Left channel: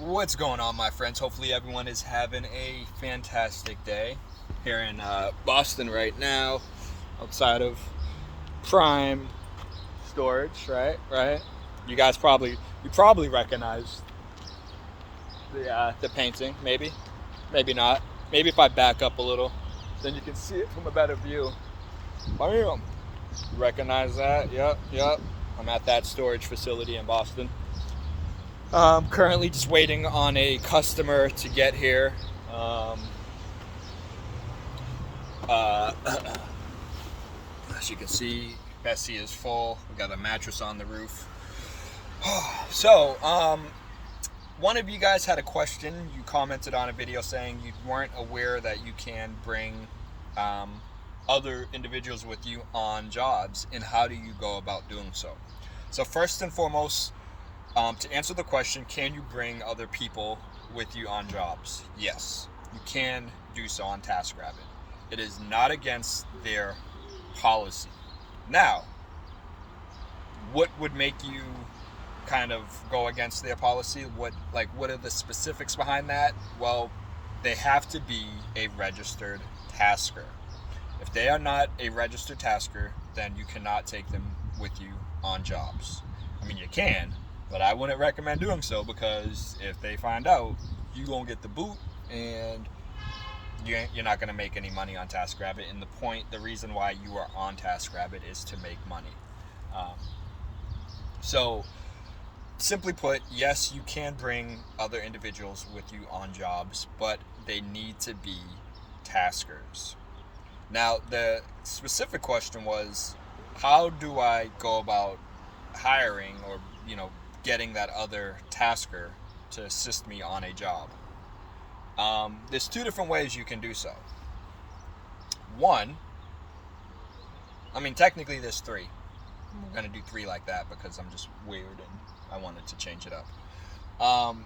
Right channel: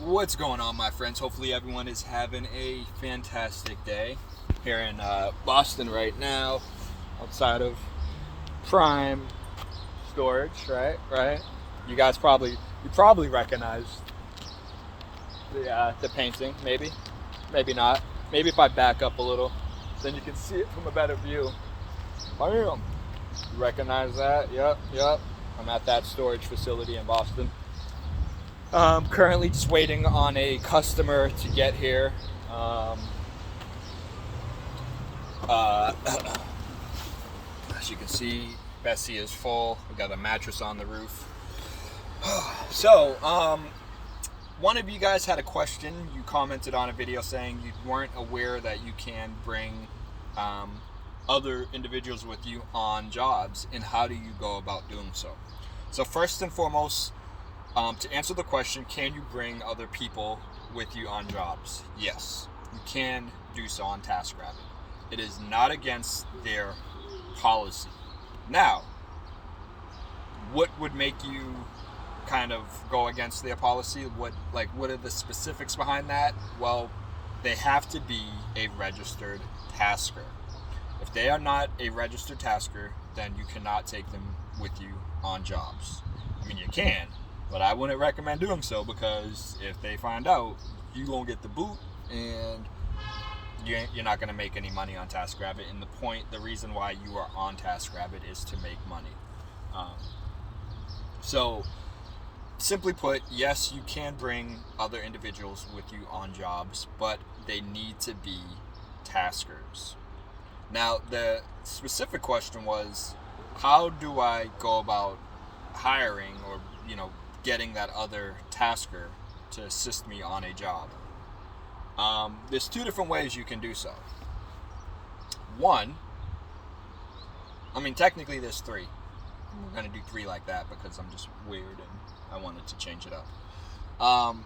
What's going on, my friends? Hopefully everyone is having a fantastic day. Here in Boston right now, outside of Prime Storage, right. You guys probably recognize the painting, maybe not. Maybe if I back up a little, then you can see it from a better view. Bam! You recognize that? Yep. I'm at that storage facility in Boston. Currently just waiting on a customer to get here. As you can see, Bessie is full. We got a mattress on the roof. So, one of you guys had a question. You commented on a video saying you weren't aware that you can bring other individuals with you on jobs, and how do you go about doing so? So first and foremost, to answer the question, can you bring other people with you on jobs? Yes, you can do so on TaskRabbit. It is not against their policy. Now, what would make you kind of go against their policy? What are the specifics behind that? Well, they have to be a registered tasker. If they are not a registered tasker, then you cannot take them with you on jobs. I mean, you can, but I wouldn't recommend doing so, because if they find out, you won't get the boot, and you're not going to make any money on TaskRabbit. And the reason why you are on TaskRabbit is to make money. So, simply put, yes, you can bring other individuals with you on jobs, but they need to be taskers. Now, the specific question was, how do I go about hiring or, getting that other tasker to assist me on a job? There's two different ways you can do so. One, technically there's three. We're going to do three like that because I'm just weird and I wanted to change it up.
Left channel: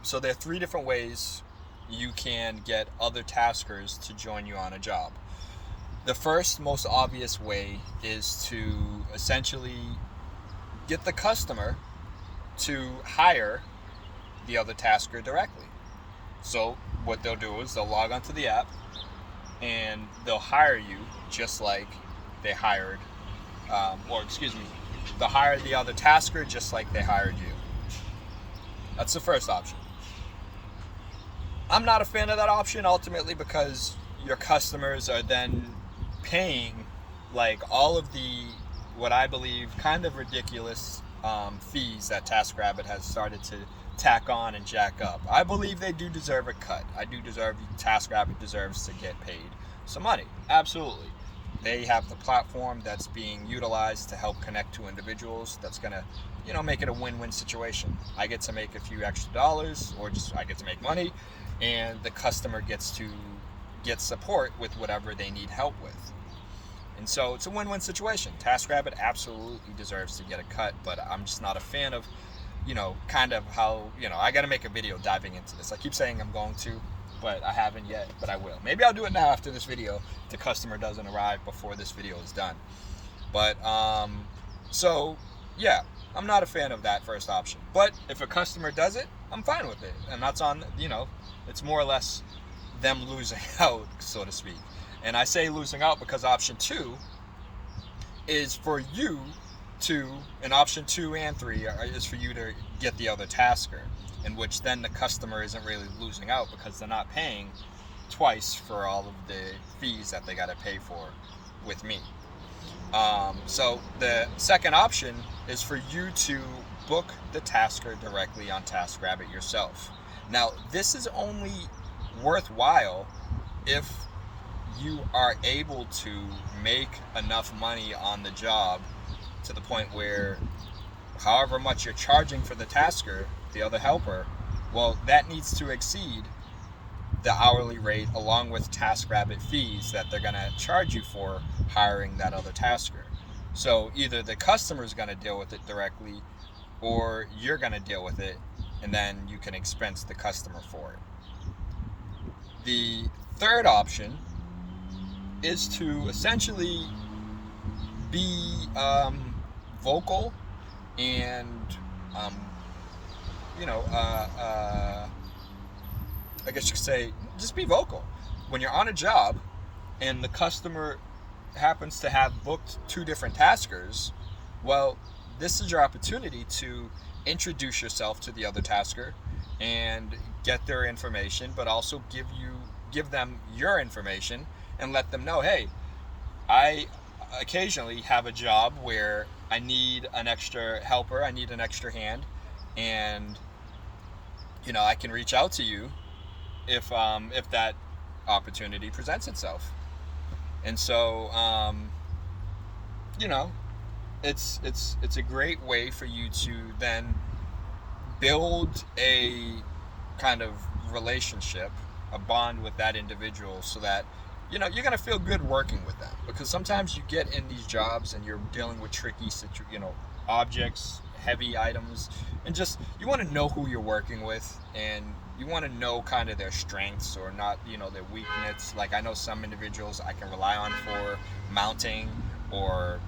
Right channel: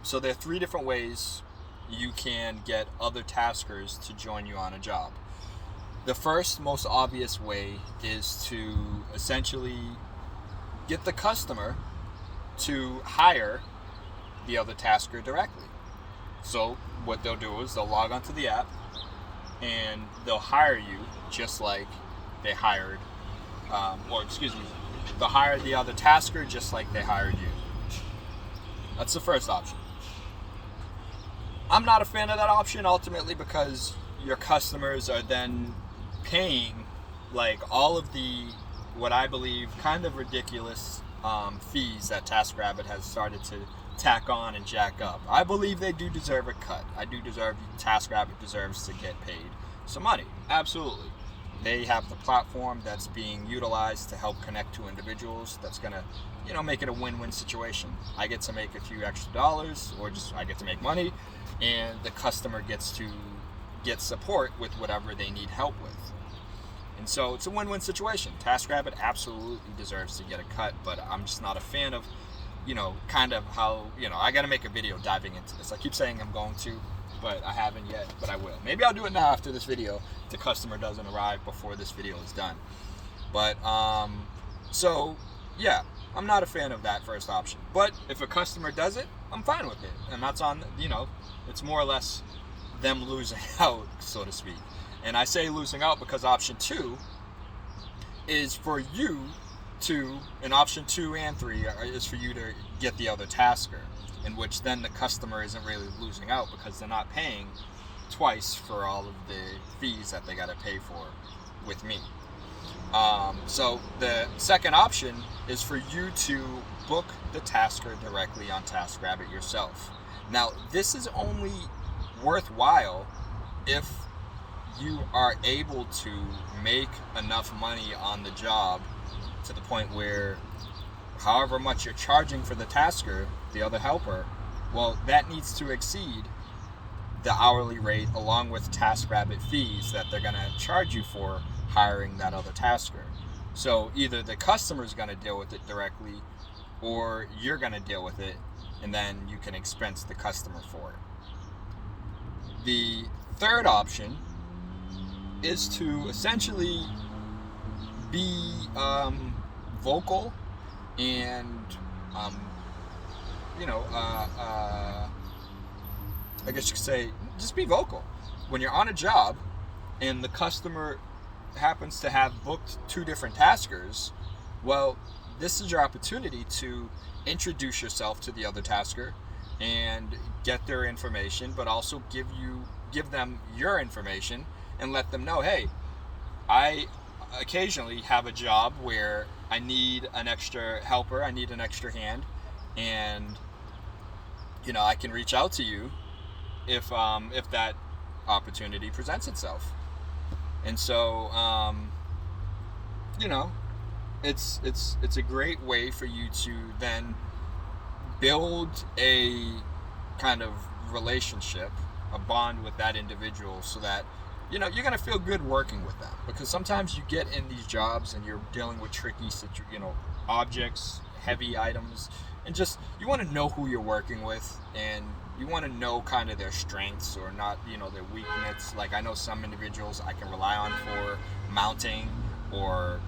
So there are three different ways you can get other taskers to join you on a job. The first, most obvious way is to essentially get the customer to hire the other tasker directly. So what they'll do is they'll log onto the app and they'll hire you just like they hired, they'll hire the other tasker just like they hired you. That's the first option. I'm not a fan of that option ultimately, because your customers are then paying all of the, what I believe, kind of ridiculous fees that TaskRabbit has started to tack on and jack up. I believe they do deserve a cut. TaskRabbit deserves to get paid some money. Absolutely. They have the platform that's being utilized to help connect to individuals. That's going to, make it a win-win situation. I get to make a few extra dollars, or just I get to make money, and the customer gets to get support with whatever they need help with. And so it's a win-win situation. TaskRabbit absolutely deserves to get a cut, but I'm just not a fan of, kind of how, I got to make a video diving into this. I keep saying I'm going to, but I haven't yet, but I will. Maybe I'll do it now after this video. The customer doesn't arrive before this video is done. But, so, yeah, I'm not a fan of that first option. But if a customer does it, I'm fine with it. And that's on, it's more or less them losing out, so to speak. And I say losing out because option 2 is for you to, and option 2 and 3 is for you to get the other tasker, in which then the customer isn't really losing out because they're not paying twice for all of the fees that they got to pay for with me. So the second option is for you to book the tasker directly on TaskRabbit yourself. Now, this is only worthwhile if you are able to make enough money on the job to the point where however much you're charging for the tasker, the other helper, well, that needs to exceed the hourly rate along with TaskRabbit fees that they're going to charge you for hiring that other tasker. So either the customer is going to deal with it directly, or you're going to deal with it, and then you can expense the customer for it. The third option is to essentially be vocal and I guess you could say, just be vocal. When you're on a job and the customer happens to have booked 2 different taskers, well, this is your opportunity to introduce yourself to the other tasker and get their information, but also give them your information and let them know, hey, I occasionally have a job where I need an extra helper, I need an extra hand, and I can reach out to you if that opportunity presents itself. And so it's a great way for you to then build a kind of relationship, a bond with that individual, so that you're going to feel good working with them. Because sometimes you get in these jobs and you're dealing with tricky objects, heavy items, and just you want to know who you're working with, and you want to know kind of their strengths or not, their weakness. Like, I know some individuals I can rely on for mounting or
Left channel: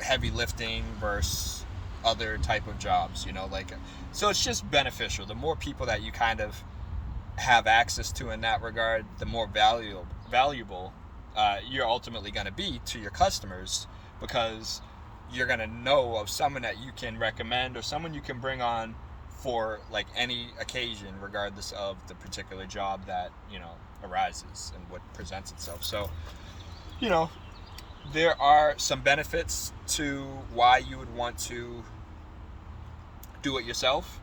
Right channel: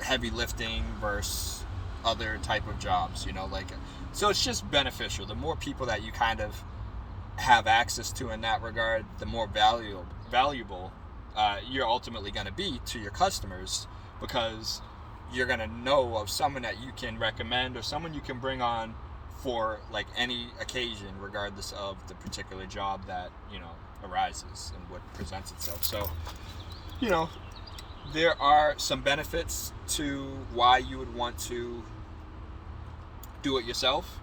heavy lifting versus other type of jobs, so it's just beneficial. The more people that you kind of have access to in that regard, the more valuable you're ultimately going to be to your customers, because you're going to know of someone that you can recommend or someone you can bring on for like any occasion, regardless of the particular job that arises and what presents itself. So there are some benefits to why you would want to do it yourself,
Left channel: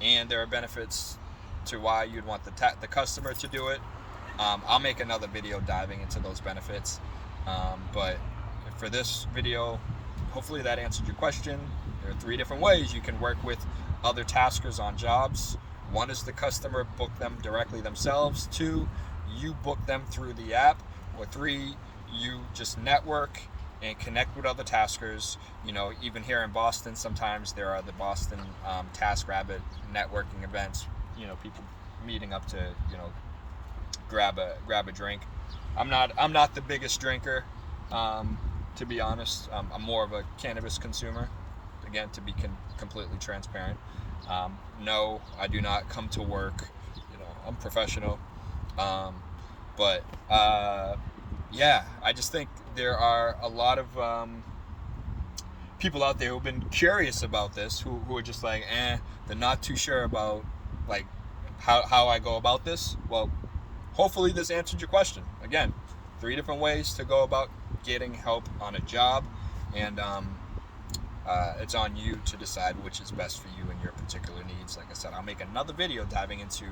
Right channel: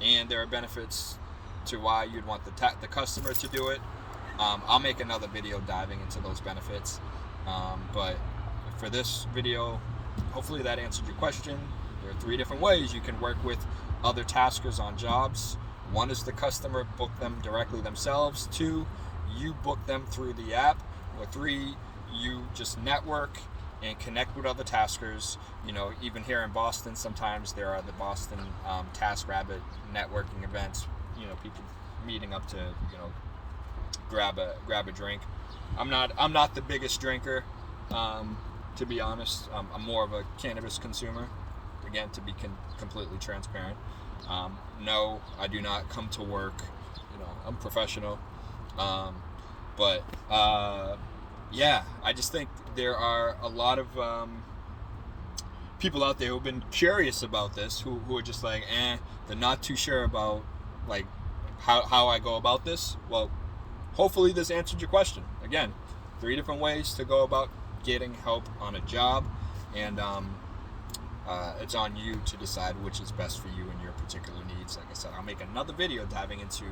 and there are benefits to why you'd want the customer to do it. I'll make another video diving into those benefits, but for this video, hopefully that answered your question. There are 3 different ways you can work with other taskers on jobs. 1 is the customer book them directly themselves. 2, you book them through the app. Or 3, you just network and connect with other taskers. Even here in Boston, sometimes there are the Boston TaskRabbit networking events. People meeting up to grab a drink. I'm not the biggest drinker, to be honest. I'm more of a cannabis consumer. Again, to be completely transparent. No, I do not come to work. I'm professional. Yeah, I just think there are a lot of people out there who've been curious about this, who are just like, they're not too sure about like how I go about this. Well, hopefully this answered your question. Again, 3 different ways to go about getting help on a job, and it's on you to decide which is best for you and your particular needs. Like I said, I'll make another video diving into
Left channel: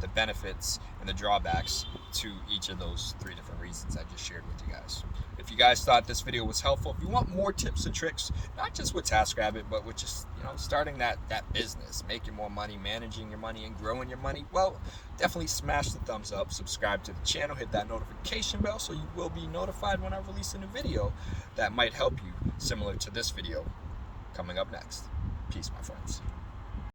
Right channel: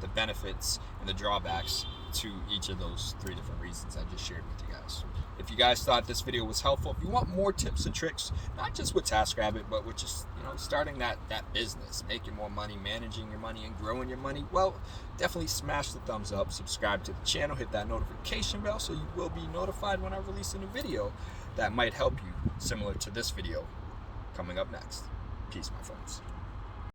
the benefits and the drawbacks to each of those 3 different reasons I just shared with you guys. If you guys thought this video was helpful, if you want more tips and tricks, not just with TaskRabbit, but with just starting that business, making more money, managing your money, and growing your money, well, definitely smash the thumbs up, subscribe to the channel, hit that notification bell so you will be notified when I release a new video that might help you, similar to this video coming up next. Peace, my friends.